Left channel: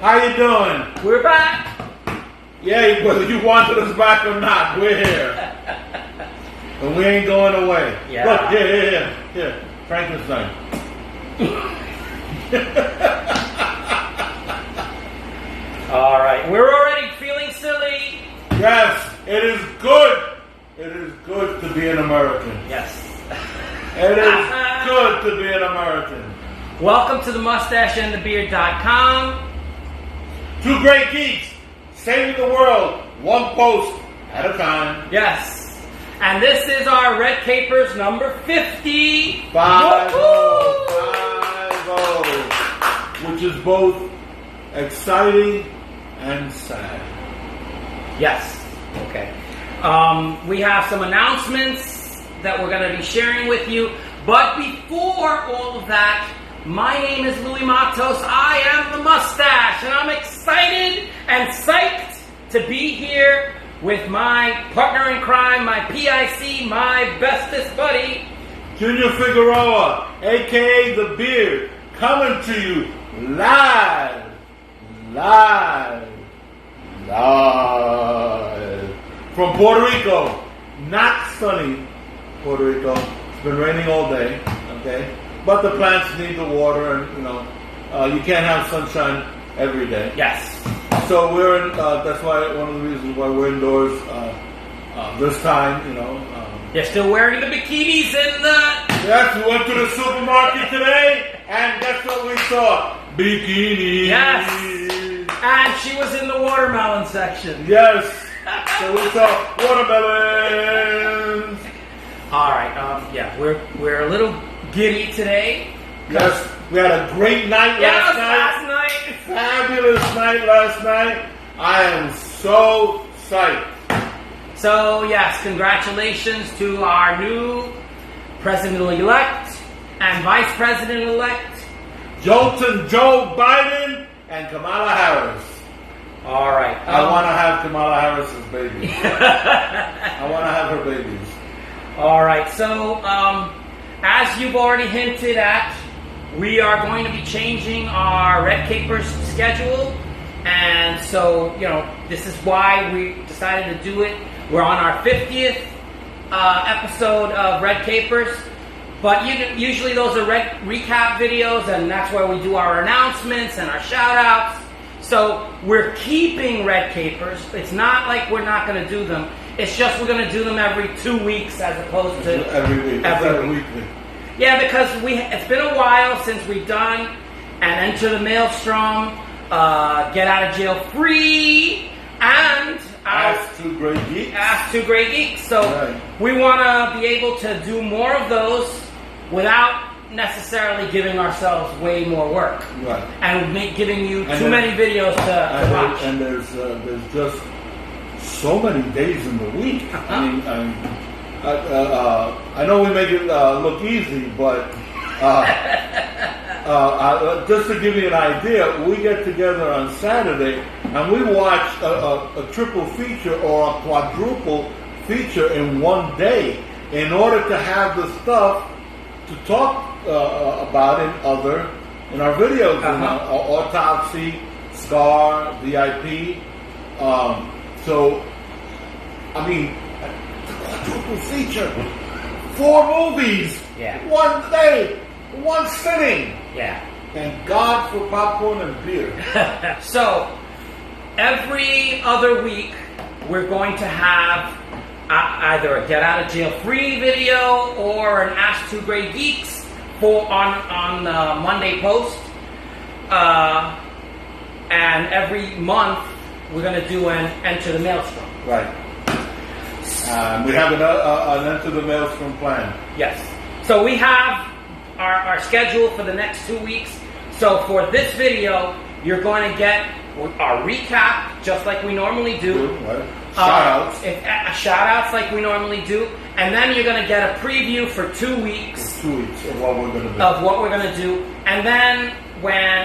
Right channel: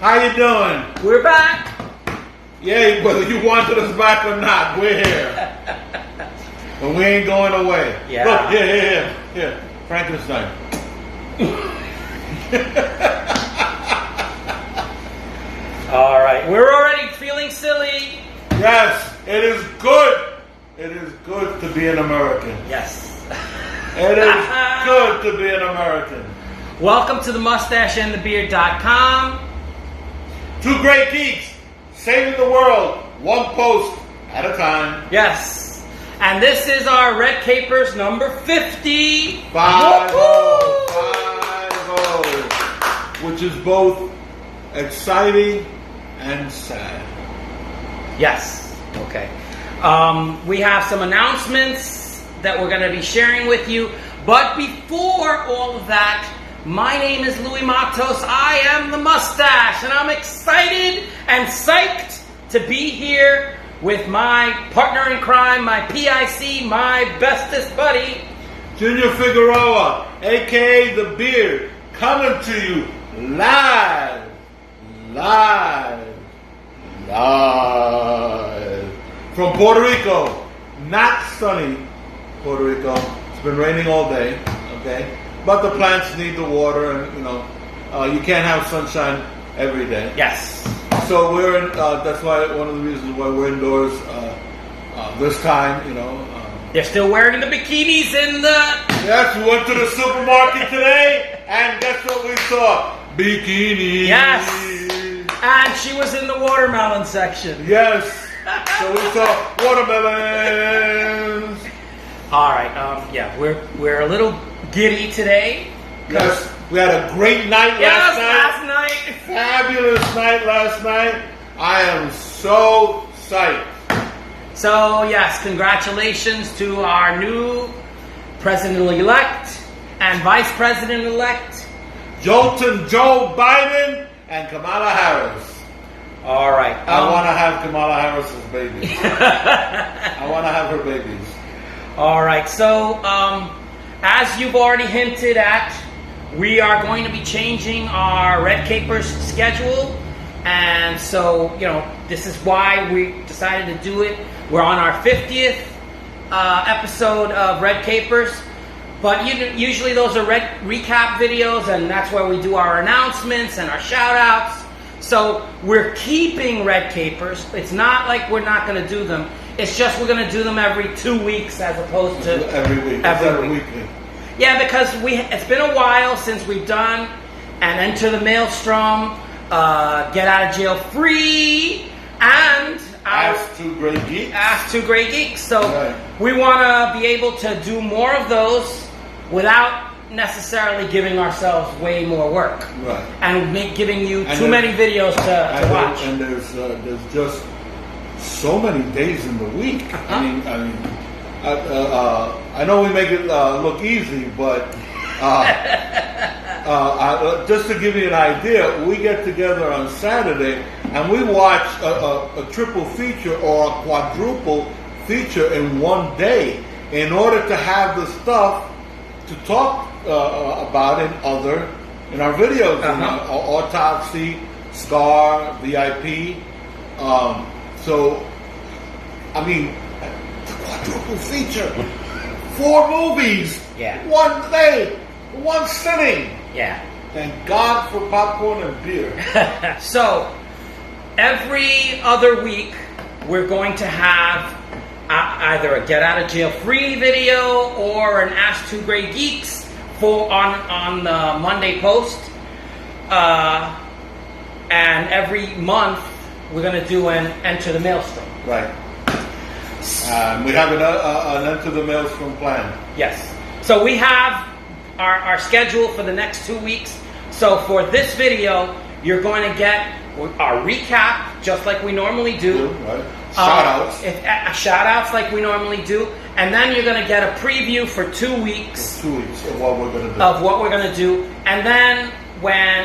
How you doing? We're back. Yeah, whether you wanted us back or not, we're here. And we ain't going away. Yeah. Look, here. Frankenstein. All right, we're already feeling silly. Yes, it is good. It is good to be an American. Yes. It is good to be an American. Welcome to the mustacheandthebeard.com. Two great geeks saving the world, one post at a time. Yes. And this is our Red Capers number 50. 50, which is both exciting and sad. Yes. Okay. We have some announcements that we're going to be sharing with you. But before all of that, my name is Louis Matos. I am the Mustache, and I'm excited and psyched to be here with my partner in crime, my PIC, my bestest buddy, Junior Figueroa, a.k.a. The Beard, coming to you live from Puerto Rico. Not sunny Puerto Rico. It's been raining all day, okay? But the plants need the water, and you can't have sunshine every day. Yes. So we're in, that's why one of the reasons why we're indoors this time, They're still wearing the bikinis in the... Yes, we went to the supermarket today, and guess what we saw? Bikinis. Yes. And she was in the watermelon section. Yes. So we saw watermelons. All right. We're a little giddy today. Yes. We had a great night last night. Fabulous night last night. I am so psyched. So, yes, congratulations to our new President-elect and Vice President-elect, Joe Biden and Kamala Harris. All right. I want to have Kamala Harris's babies. I want to have her babies. All right. So, as you've already hinted at, we are going to be changing our Red Capers schedule. And so, this is why we decided to do it. We're on our 50th episode of Red Capers. But usually those are recap videos, and that's where we do our announcements and our shout-outs. So we're keeping Red Capers. It's not like we're not going to do them. It's just we're going to do them every 2 weeks as opposed to every week. Every weekly. Yeah, because it's been a while since we've done an Enter the Maelstrom, Get Out of Jail Free, and Ask Two Great Geeks. So we want to be able to do more of those without necessarily giving ourselves way more work. Right. And giving you too many videos to watch. And there's just so many days in the week. I know we make it look easy, but just to give you an idea, we get together on Saturday and we watch a triple feature or a quadruple feature in one day in order to have the stuff to talk about in our videos, in Autopsy, Scar, VIP. The quadruple feature, 4 movies, one day, one sitting. Yeah. Thank God for popcorn and beer. So, every other week, we're going to have either a Get Out of Jail Free video or an Ask Two Great Geeks on the Monday post. And every month, we're going to do an Enter the Maelstrom. Right. We have an Enter the Maelstrom plan. Yes. So we have our schedule for the next 2 weeks. So for this video, you're going to get a recap, just like we normally do. Right. Shout-outs. Shout-outs like we normally do. And then you're going to get a preview for 2 weeks. 2 weeks of what we're going to do. And then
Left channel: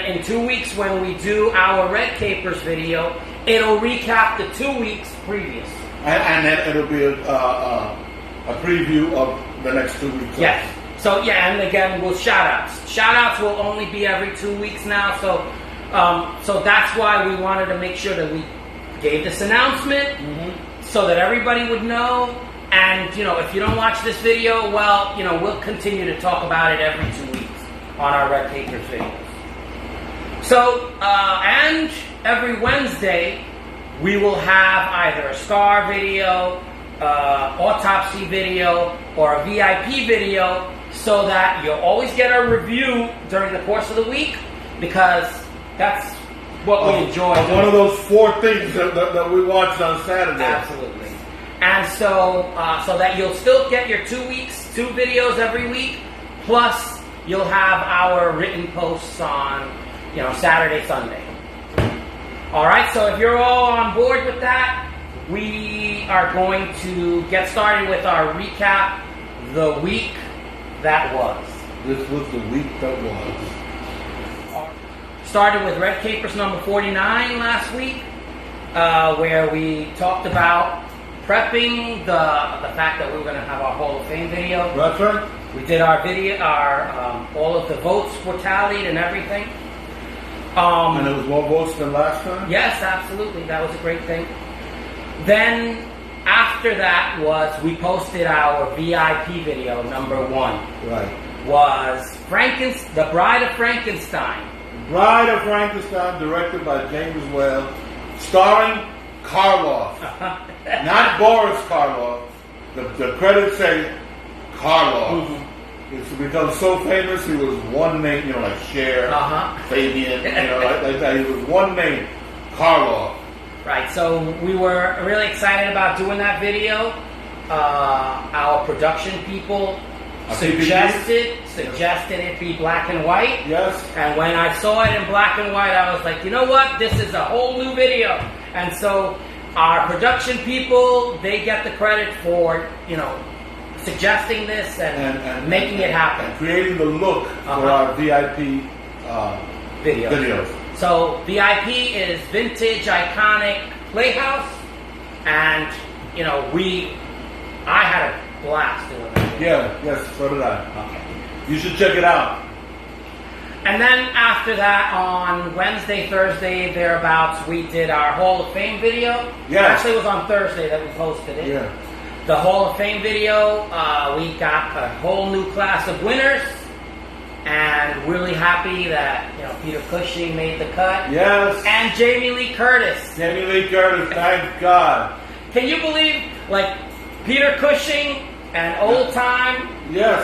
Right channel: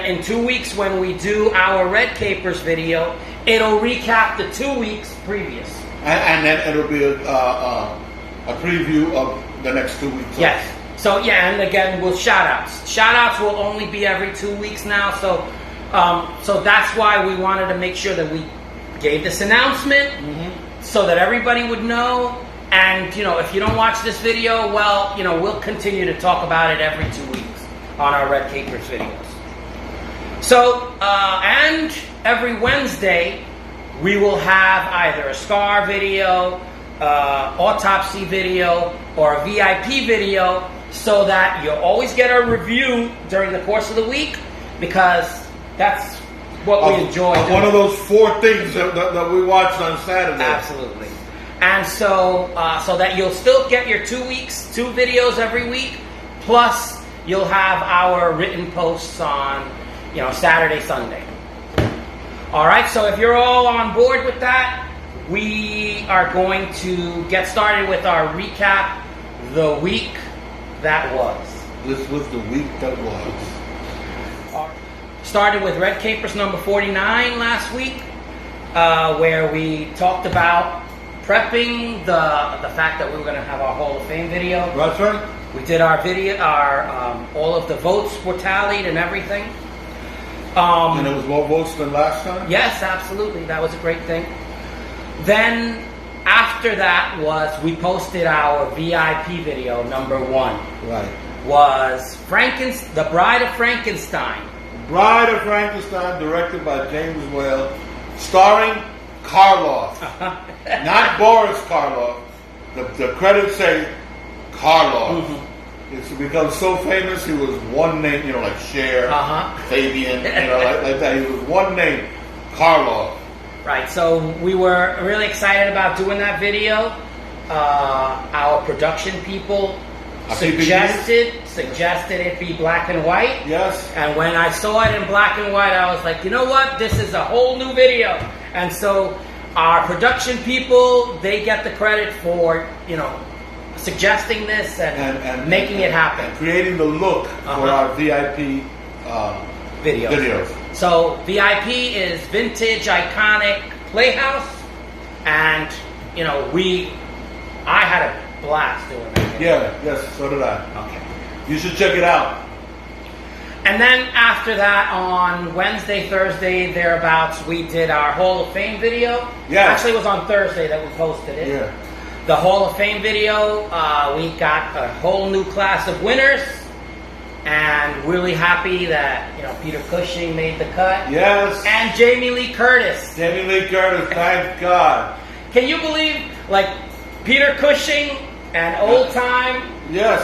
in 2 weeks, when we do our Red Capers video, it'll recap the 2 weeks previous. And then it'll be a preview of the next 2 weeks. Yes. So, and again, with shout-outs. Shout-outs will only be every 2 weeks now, so So that's why we wanted to make sure that we gave this announcement so that everybody would know. And, if you don't watch this video, well, we'll continue to talk about it every 2 weeks on our Red Capers videos. So, and every Wednesday, we will have either a star video, autopsy video, or a VIP video, so that you'll always get a review during the course of the week, because that's what we enjoy. One of those 4 things that we watched on Saturday. Absolutely. And so that you'll still get your 2 videos every week, plus you'll have our written posts on, Saturday, Sunday. All right, so if you're all on board with that, we are going to get started with our recap, the week that was. This was the week that was. Started with Red Capers number 49 last week, where we talked about prepping the fact that we were going to have our Hall of Fame video. That's right. We did our video, all of the votes were tallied and everything. And it was more votes than last time? Yes, absolutely. That was a great thing. Then after that we posted our VIP video, number 1. Right. Was The Bride of Frankenstein. Bride of Frankenstein, directed by James Whale, starring Karloff. Not Boris Karloff. The credits say Karloff. It's become so famous, he was one name, like Cher, Fabian, like that. He was one name, Karloff. Right, so we were really excited about doing that video. Our production people suggested it be black and white. Yes. And when I saw it in black and white, I was like, you know what? This is a whole new video. And so our production people, they get the credit for, suggesting this and making it happen. Creating the look for our VIP videos. So VIP is vintage, iconic playhouse. And, I had a blast doing it. Yes, so did I. Okay. You should check it out. And then after that, on Wednesday, Thursday, thereabouts, we did our Hall of Fame video. Yeah. Actually, it was on Thursday that we posted it. Yeah. The Hall of Fame video, we got a whole new class of winners. And really happy that, Peter Cushing made the cut. Yes. And Jamie Lee Curtis. Jamie Lee Curtis, thank God. Can you believe, Peter Cushing and old time? Yes.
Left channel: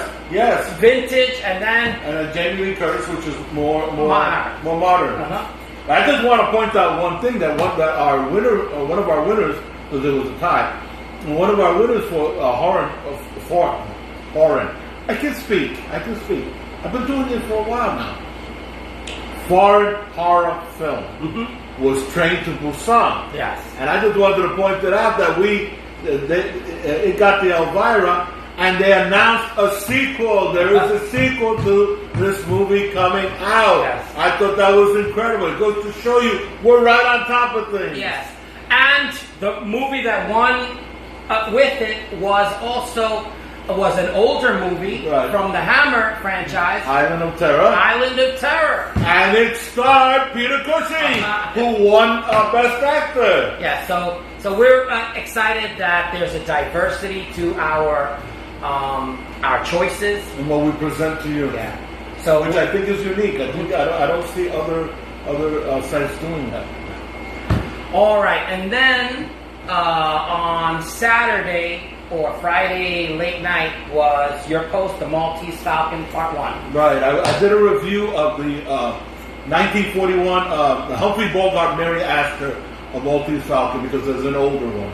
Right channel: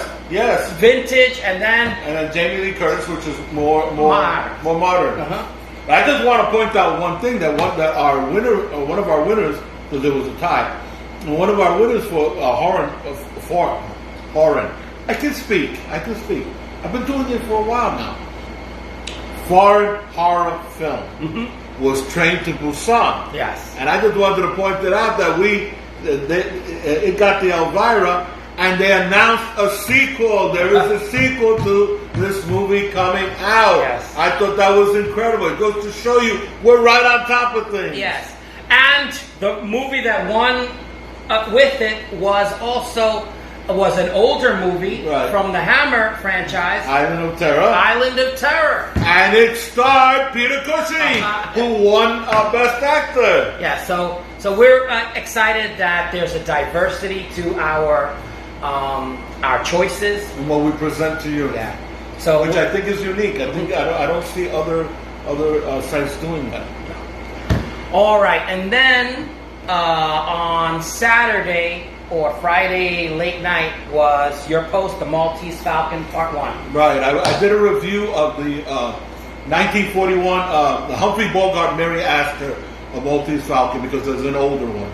Vintage, and then Jamie Lee Curtis, which is more modern. I just want to point out one thing that one of our winners, because there was a tie. One of our winners for foreign. I can speak. I've been doing it for a while now. Foreign horror film was Train to Busan. Yes. And I just wanted to point it out that it got the Elvira, and they announced a sequel. There is a sequel to this movie coming out. Yes. I thought that was incredible. It goes to show you we're right on top of things. Yes. And the movie that won with it was an older movie from the Hammer franchise. Island of Terror. And it starred Peter Cushing, who won Best Actor. Yeah, so we're excited that there's a diversity to our choices and what we present to you. Yeah. So which I think is unique. I don't see other sites doing that. All right, and then on Saturday or Friday late night was your post, The Maltese Falcon Part 1. Right, I did a review of the 1941 the Humphrey Bogart Mary Astor of Maltese Falcon, because there's an older one.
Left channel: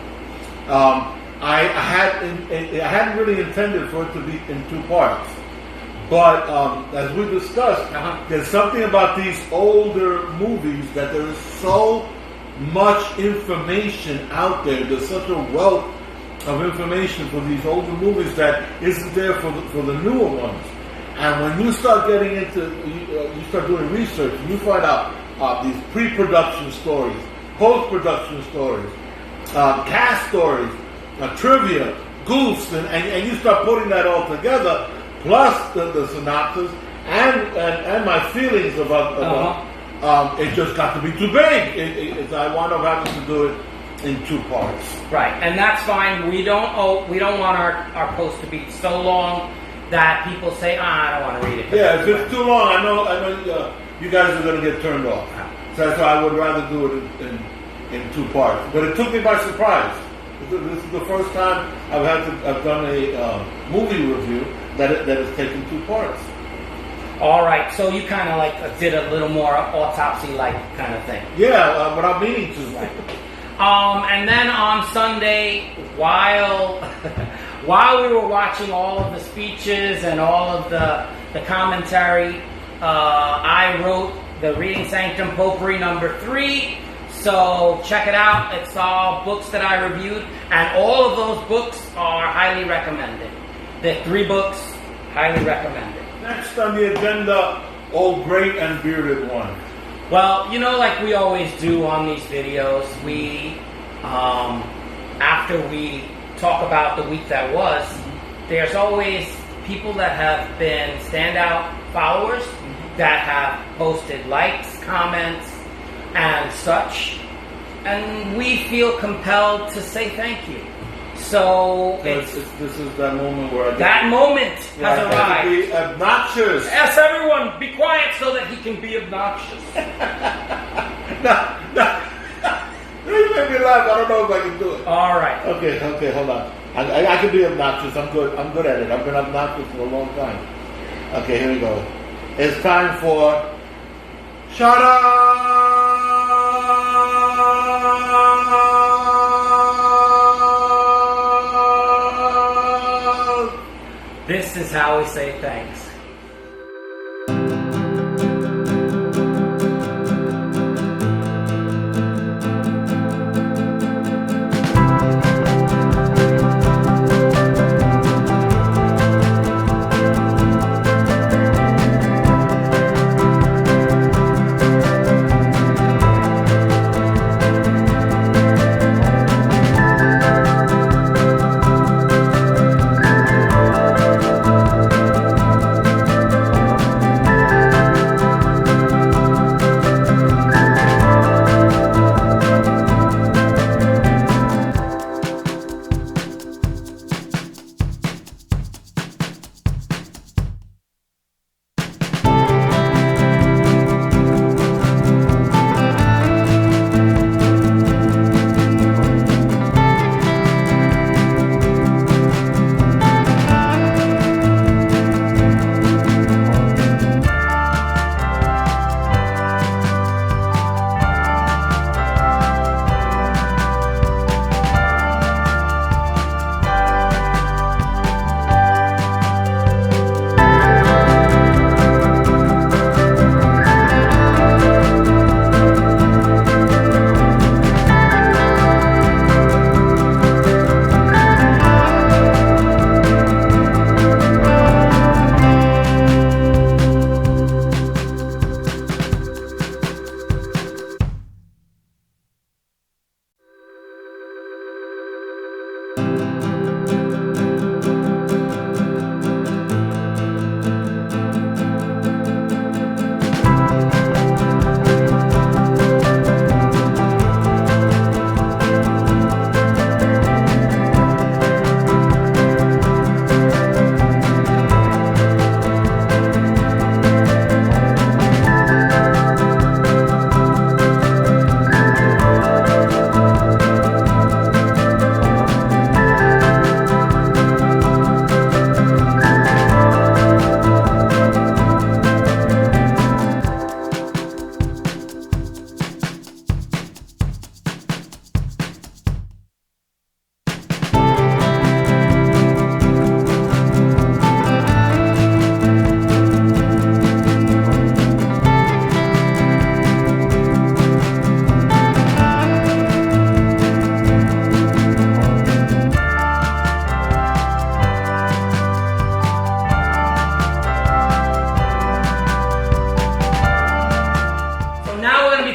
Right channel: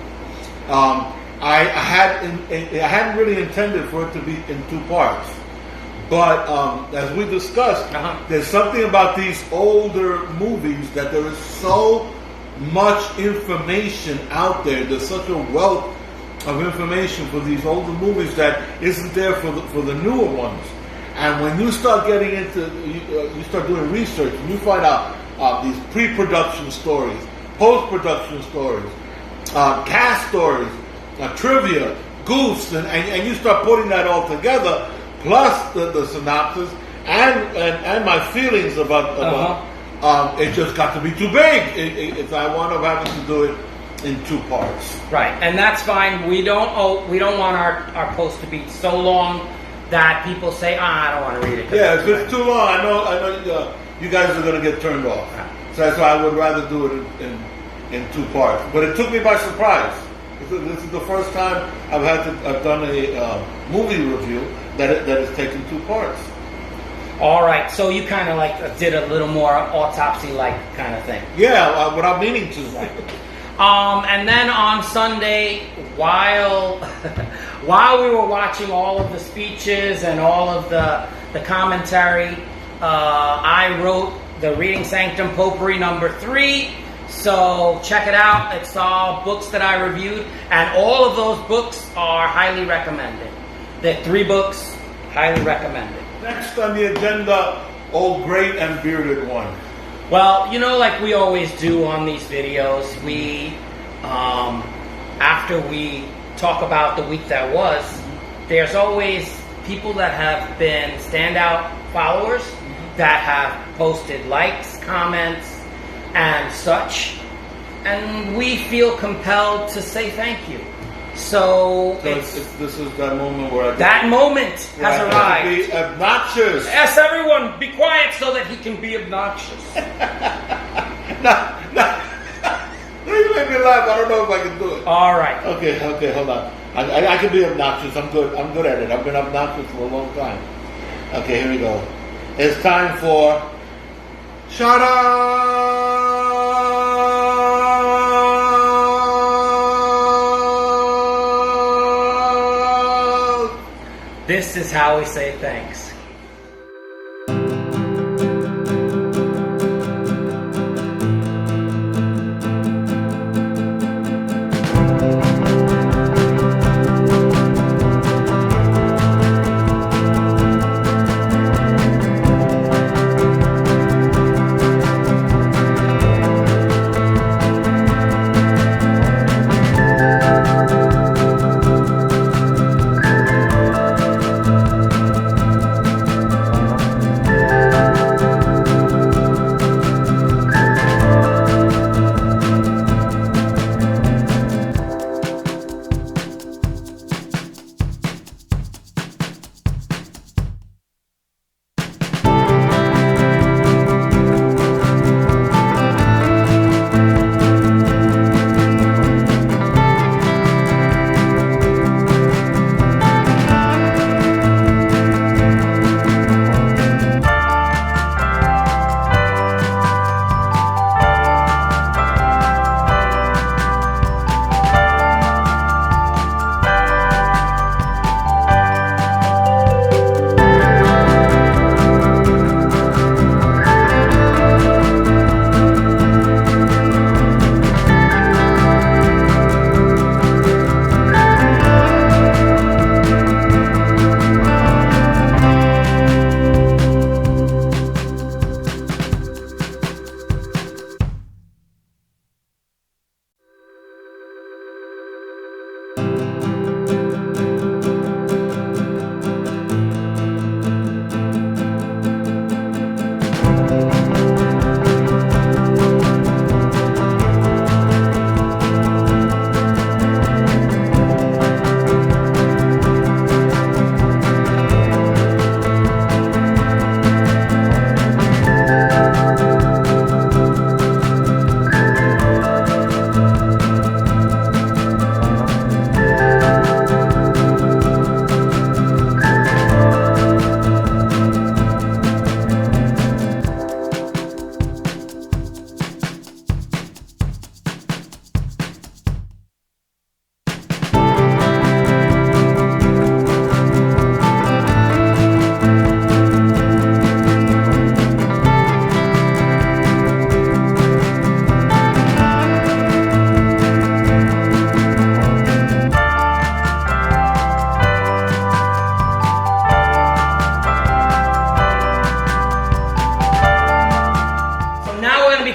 I hadn't really intended for it to be in 2 parts, but as we discussed, there's something about these older movies that there is so much information out there. There's such a wealth of information for these older movies that isn't there for the newer ones. And when you start getting into, you start doing research, and you find out these pre-production stories, post-production stories, cast stories, trivia, goofs, and you start putting that all together, plus the synopsis, and my feelings about It just got to be too big. I wound up having to do it in 2 parts. Right, and that's fine. We don't want our post to be so long that people say, I don't want to read it. Yeah, if it's too long, I know you guys are going to get turned off. So that's why I would rather do it in 2 parts. But it took me by surprise. This is the first time I've done a movie review that has taken 2 parts. All right, so you kind of like did a little more autopsy-like kind of thing. Yeah, without meaning to. And then on Sunday, while we were watching all of the speeches and all of the commentary, I wrote the Reading Sanctum Potpourri number 3. So check it out. It's all books that I reviewed, and all of those books are highly recommended. The 3 books, highly recommended. Next on the agenda, Old Great and Bearded One. Well, like we always do on these videos, we, after we talk about the week that was, there's always people that have been standout followers that have posted likes, comments, and such, and we feel compelled to say thank you. So this is that moment where that moment has arrived. To be obnoxious. Yes, everyone, be quiet so that he can be obnoxious. No, you made me laugh. I don't know if I can do it. All right. Okay, hold on. I can be obnoxious. I'm good at it. I've been obnoxious for a long time. Okay, here we go. It's time for Shut Up! This is how we say thanks.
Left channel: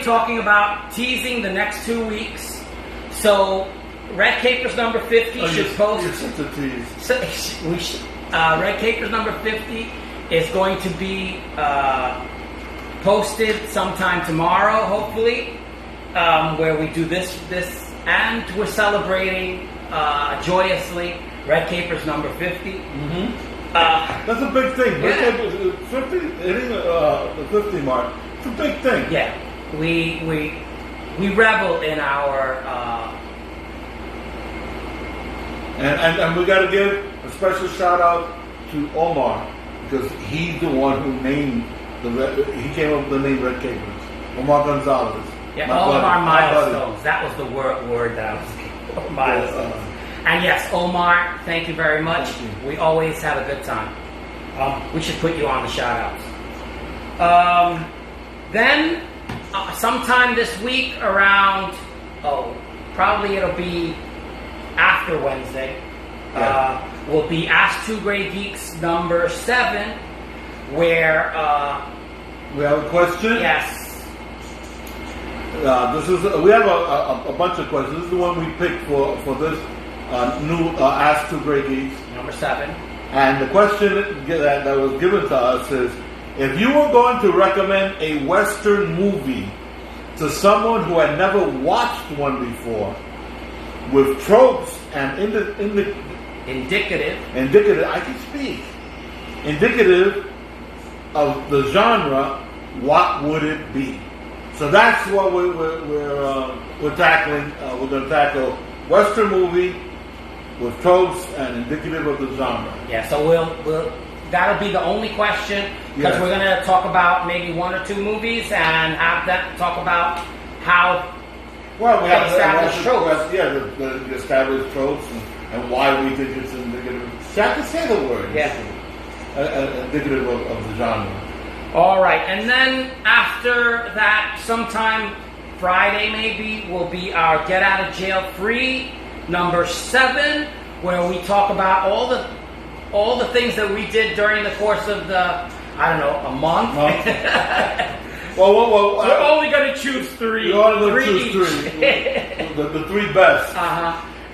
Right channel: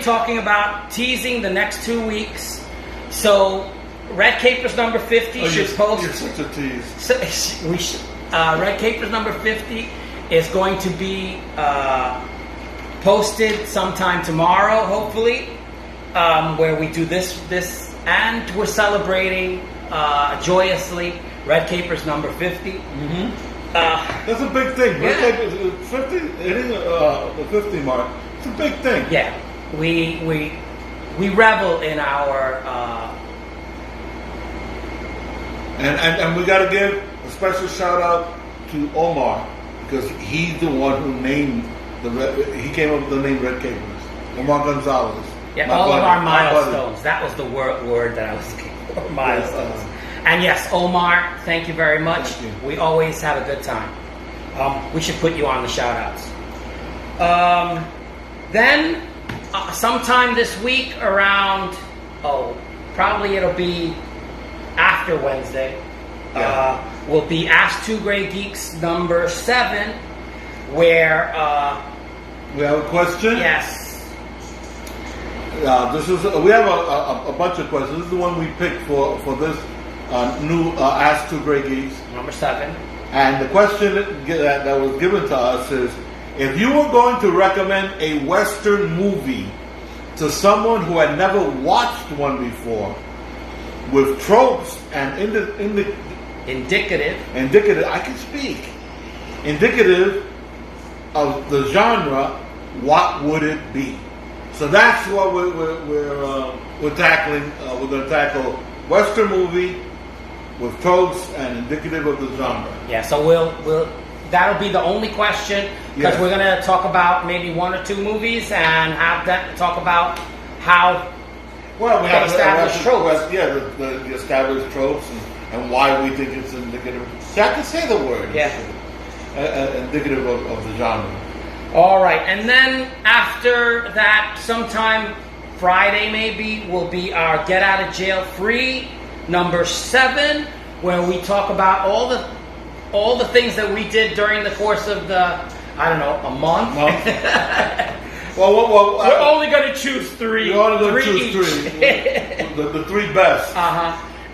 talking about teasing the next 2 weeks. So, Red Capers number 50 should post. You're such a tease. Red Capers number 50 is going to be posted sometime tomorrow, hopefully, where we do this, and we're celebrating joyously Red Capers number 50. Mm-hmm. That's a big thing. Red Capers 50, hitting the 50 mark. It's a big thing. Yeah, we revel in our. And we got to give a special shout out to Omar, because he's the one who named he came up with the name Red Capers. Omar Gonzalez. Yeah, all of our milestones. That was the word that I was looking for. Milestones. Yes, and yes, Omar, thank you very much. We always had a good time. We should put you on the shout outs. Then, sometime this week around, probably it'll be after Wednesday, will be Ask Two Grey Geeks number 7, where we have a question. Yes. We have a bunch of questions. This is the one we picked for this new Ask Two Grey Geeks Number 7. And the question that was given to us is, if you were going to recommend a Western movie to someone who had never watched one before, with tropes and indicative, I can speak, indicative of the genre, what would it be? So that's what we're tackling. We're going to tackle Western movie with tropes and indicative of the genre. Yeah, so we'll that'll be the only question, because we're going to talk about maybe 1 or 2 movies and have that talk about how. Well, we have established tropes. The established tropes and why we think it's indicative. See, I can say the word. Yeah. Indicative of the genre. All right, and then after that, sometime Friday maybe, will be our Get Out of Jail Free number 7, where we talk about all the things that we did during the course of a month. Well, we're only going to choose 3. We're only going to choose 3. the 3 best.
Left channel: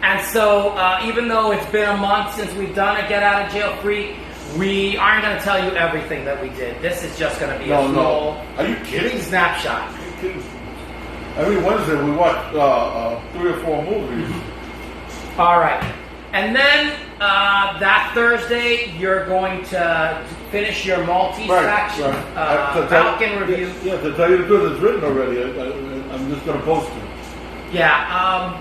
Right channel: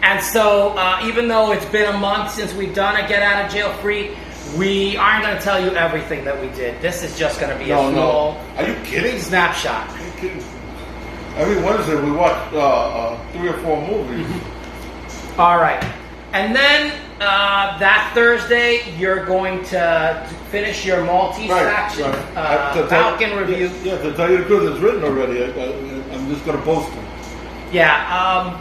And so, even though it's been a month since we've done a Get Out of Jail Free, we aren't going to tell you everything that we did. This is just going to be a small. Are you kidding? Snapshot. Are you kidding? Every Wednesday we watch 3 or 4 movies. All right, and then that Thursday you're going to finish your Maltese fraction Falcon review. Yeah, to tell you the truth, it's written already. I'm just going to post it. Yeah.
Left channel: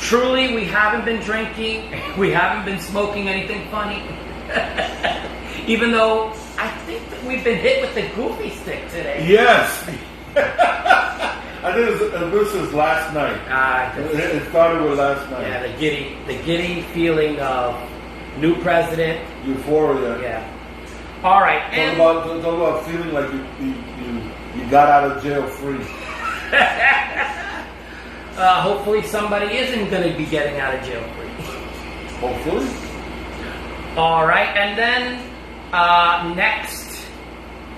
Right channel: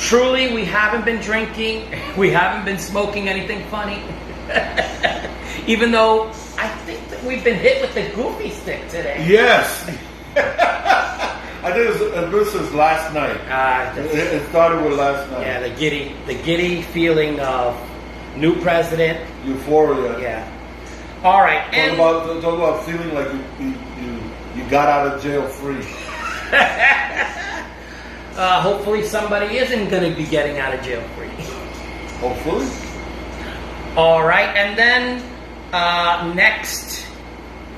Truly, we haven't been drinking. We haven't been smoking anything funny. Even though I think that we've been hit with the goofy stick today. Yes. I think this is last night. It started with last night. Yeah, the giddy feeling of new president. Euphoria. Yeah. All right. Talk about feeling like you got out of jail free. Hopefully somebody isn't going to be getting out of jail free. Hopefully. All right, and then next,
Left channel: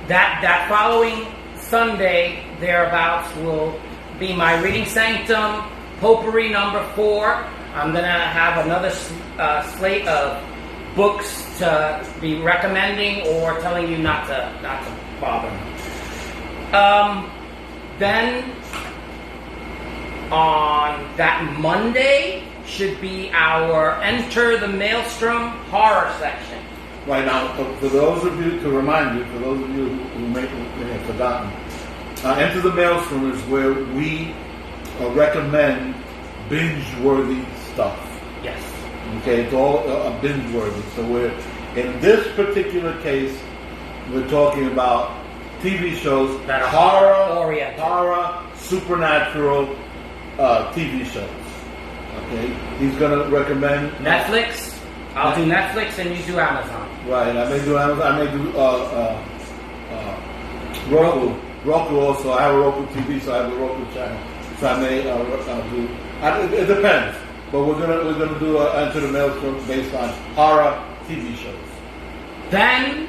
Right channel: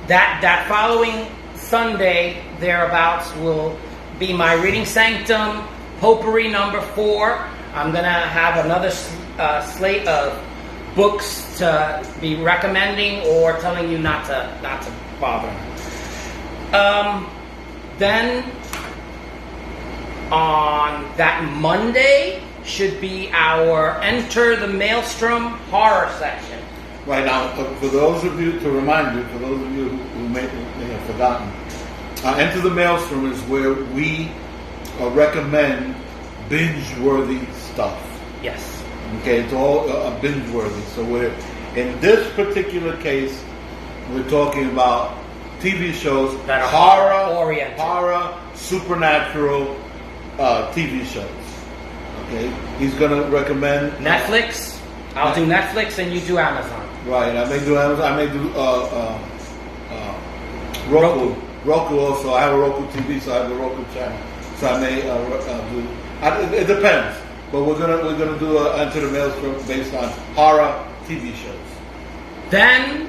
that following Sunday thereabouts will be my Reading Sanctum Potpourri number 4. I'm going to have another slate of books to be recommending or telling you not to bother. Then on that Monday should be our Enter the Maelstrom horror section. Right now, for those of you, to remind you, for those of you who may have forgotten, Enter the Maelstrom is where we recommend binge-worthy stuff. Yes. Okay, it's all binge-worthy. So in this particular case, we're talking about TV shows, that are horror, supernatural TV shows. Okay, he's going to recommend Netflix. I'll do Netflix and you do Amazon. Right, I may do Amazon. I may do Roku. Roku also. I have a Roku TV, so I have a Roku channel. So I may do. It depends, but we're gonna do Enter the Maelstrom based on horror TV shows. Then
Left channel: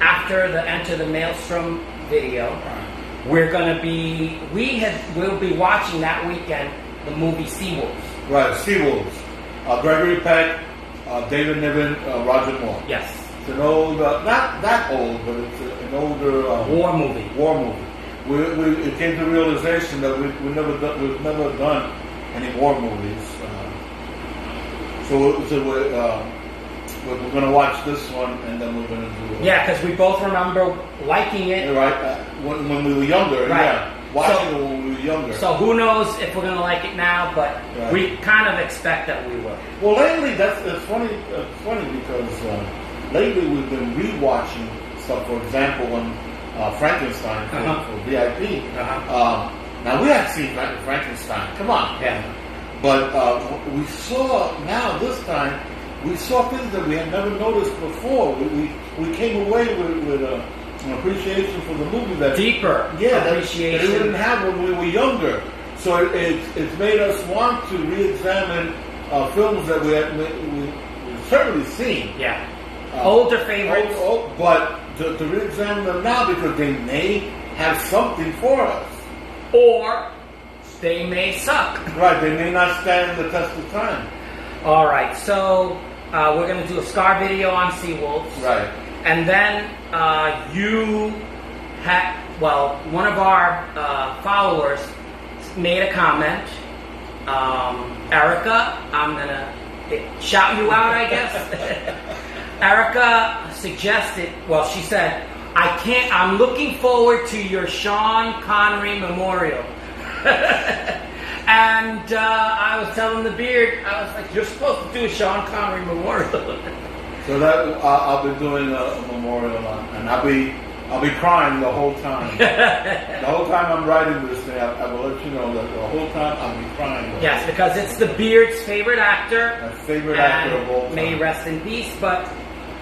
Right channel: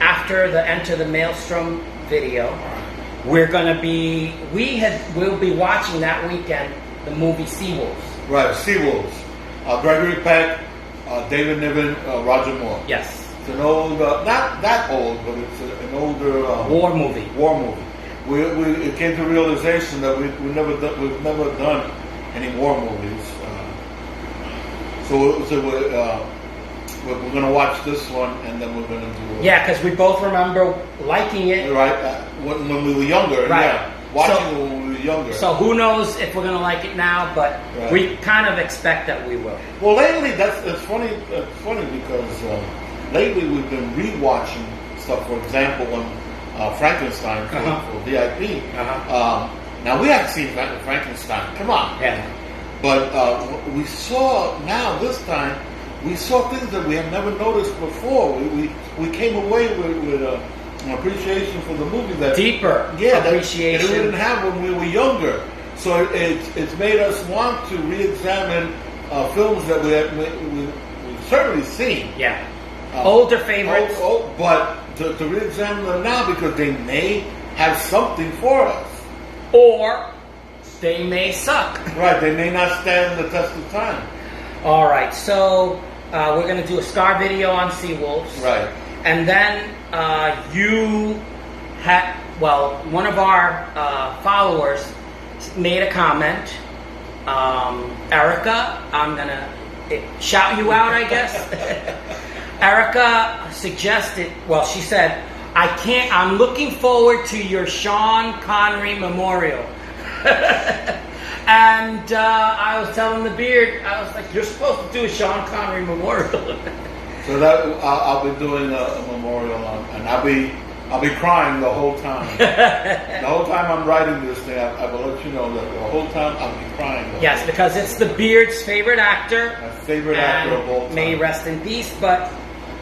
after the Enter the Maelstrom video, we'll be watching that weekend the movie Seawolves. Right, Seawolves. Gregory Peck, David Niven, Roger Moore. Yes. It's an old, not that old, but it's an older war movie. War movie. It came to the realization that we've never done any war movies. So we're going to watch this one, and then we're going to do. Yeah, because we both remember liking it. Right, when we were younger. Right. Yeah, watching it when we were younger. So who knows if we're going to like it now? But right. we kind of expect that we will. Well, lately it's funny. It's funny because lately we've been rewatching stuff. For example, when Frankenstein for VIP. Now we haven't seen Frankenstein. Come on. Yeah. But we saw now this time. We saw things that we had never noticed before. We came away with an appreciation for the movie that deeper appreciation that we didn't have when we were younger. So it's made us want to re-examine films that we've certainly seen. Yeah, older favorites. But to re-examine them now because they may have something for us, or they may suck. Right, they may not stand the test of time. All right, so we're going to do a star video on Seawolves. Right. And then one of our followers made a comment. Erica, I'm going to shout you out, I guess. Erica suggested, she said, I'm looking forward to your Sean Connery memorial. And I was telling the beard, I was like, you're supposed to do a Sean Connery memorial. So that I'll be doing a memorial on, and I'll be crying the whole time. The whole time I'm writing this thing, I will let you know that the whole time I'll be crying. Yes, because it's the beard's favorite actor. My favorite actor of all time. May he rest in peace, but...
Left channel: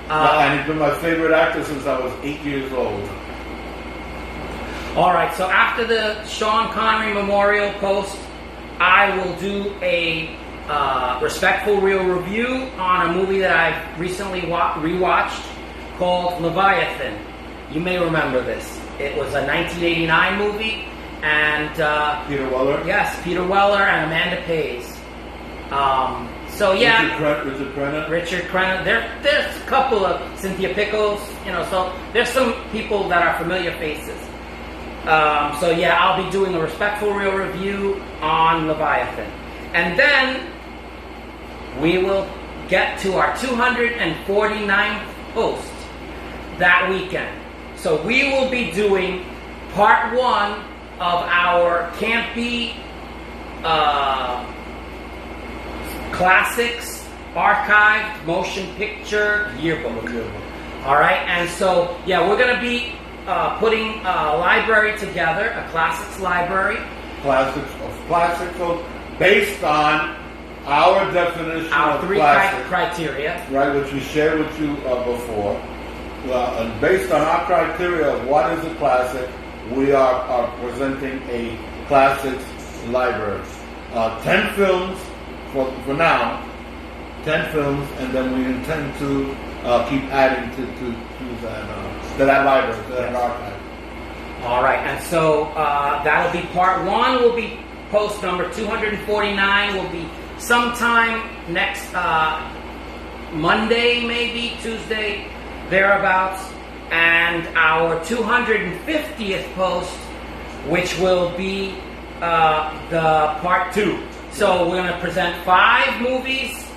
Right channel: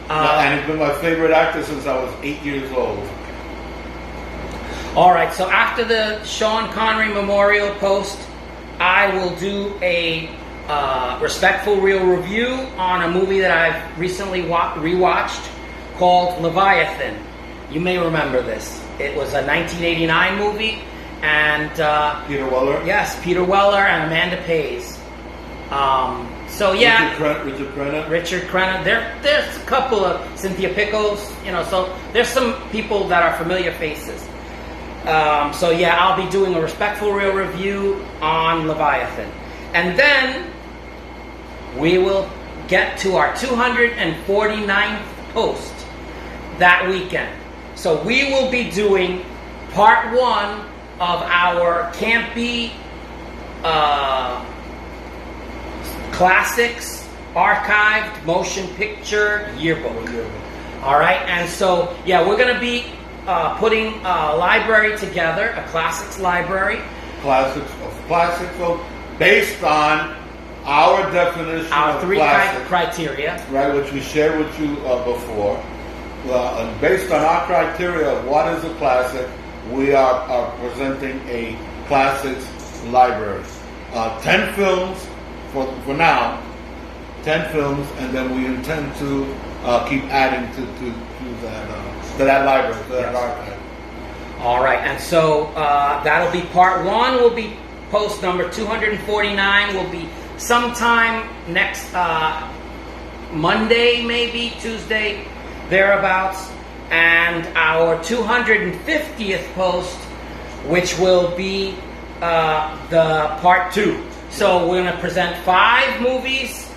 and he's been my favorite actor since I was 8 years old. All right, so after the Sean Connery memorial post, I will do a respectful real review on a movie that I've recently rewatched called Leviathan. You may remember this. It was a 1989 movie, and Peter Weller. Yes, Peter Weller and Amanda Pays. So yeah, Richard Crenna. There's a couple of Cynthia Pickles. So there's some people that are familiar faces. So yeah, I'll be doing a respectful real review on Leviathan. And then we will get to our 249th post that weekend. So we will be doing part 1 of our Campy Classics Archived Motion Picture Yearbook. All right, and so yeah, we're going to be putting a library together, a classics library. Classics, based on our definition our of three classics, criteria, right, which we shared with you before. Based on our criteria of what is a classic, we are presenting a classics library. 10 films for now, 10 films, and then we intend to keep adding to that library, to that archive. All right, and so that'll be part 1. Will be post number 249. Will be sometime next Monday, maybe Tuesday, thereabouts. And our 250th post, which will be the part 2. So we're going to present 5 movies,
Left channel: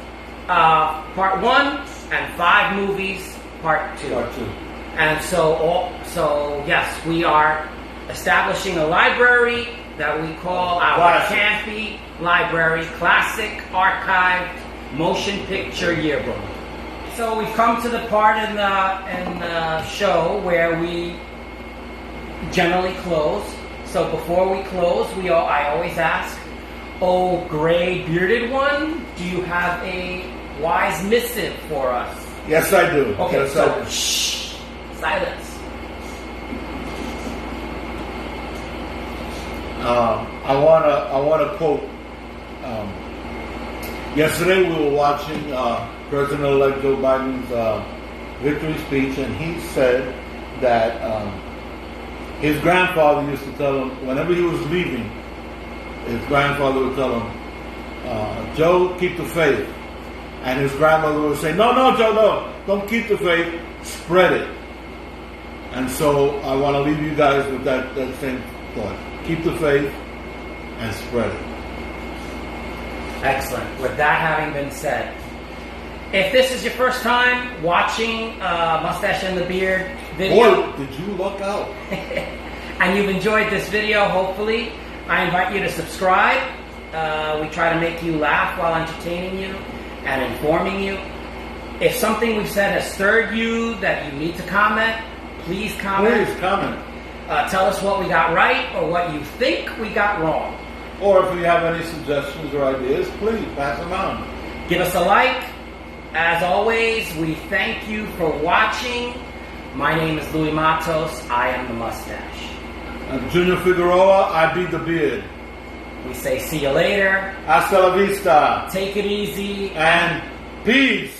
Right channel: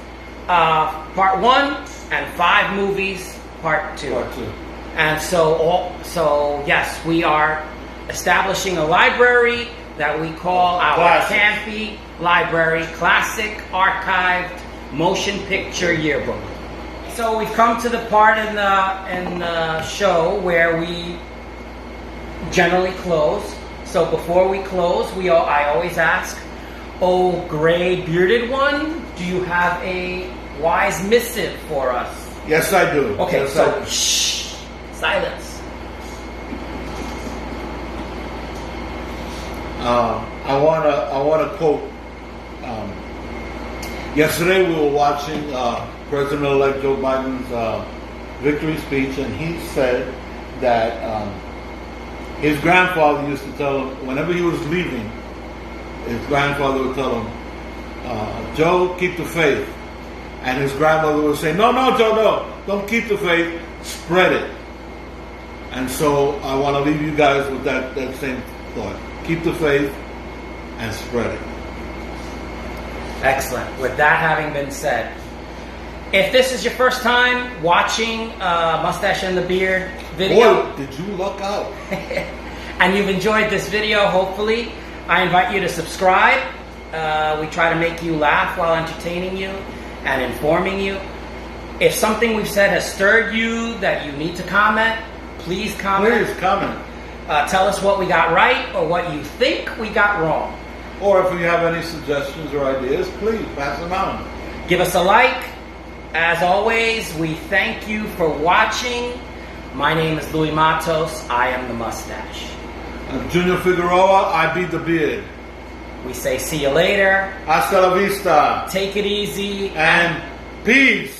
part 1, and 5 movies, part 2. Part 2. And so yes, we are establishing a library that we call our Campy Library Classic Archived Motion Picture Yearbook. So we've come to the part in the show where we generally close. So before we close, I always ask, "Oh, gray bearded one, do you have a wise missive for us?" Yes, I do. Okay, yes, so shh. Silence. I want to quote. Yesterday we were watching President-elect Joe Biden's victory speech, and he said that his grandfather used to tell him whenever he was leaving, his grandfather would tell him, "Joe, keep the faith," and his grandmother would say, "No, Joe, no, don't keep the faith. spread it. And so I want to leave you guys with that same thought. Keep the faith and spread it. Excellent. With that having been said, if this is your first time watching Mustache and the Beard video, Boy, did you luck out. and you've enjoyed this video, hopefully, I invite you to subscribe. We try to make you laugh while entertaining you and informing you. If something we've said has stirred you that you need to comment, please comment. Please comment. Tell us what we got right or what you think we got wrong. Or if you have any suggestions or ideas, please pass them on. Give us a like. As always, we thank you for watching. My name is Louis Matos. I am the Mustache. I'm Junior Figueroa. I be the Beard. We say see you later. Hasta la vista. Take it easy. And peace.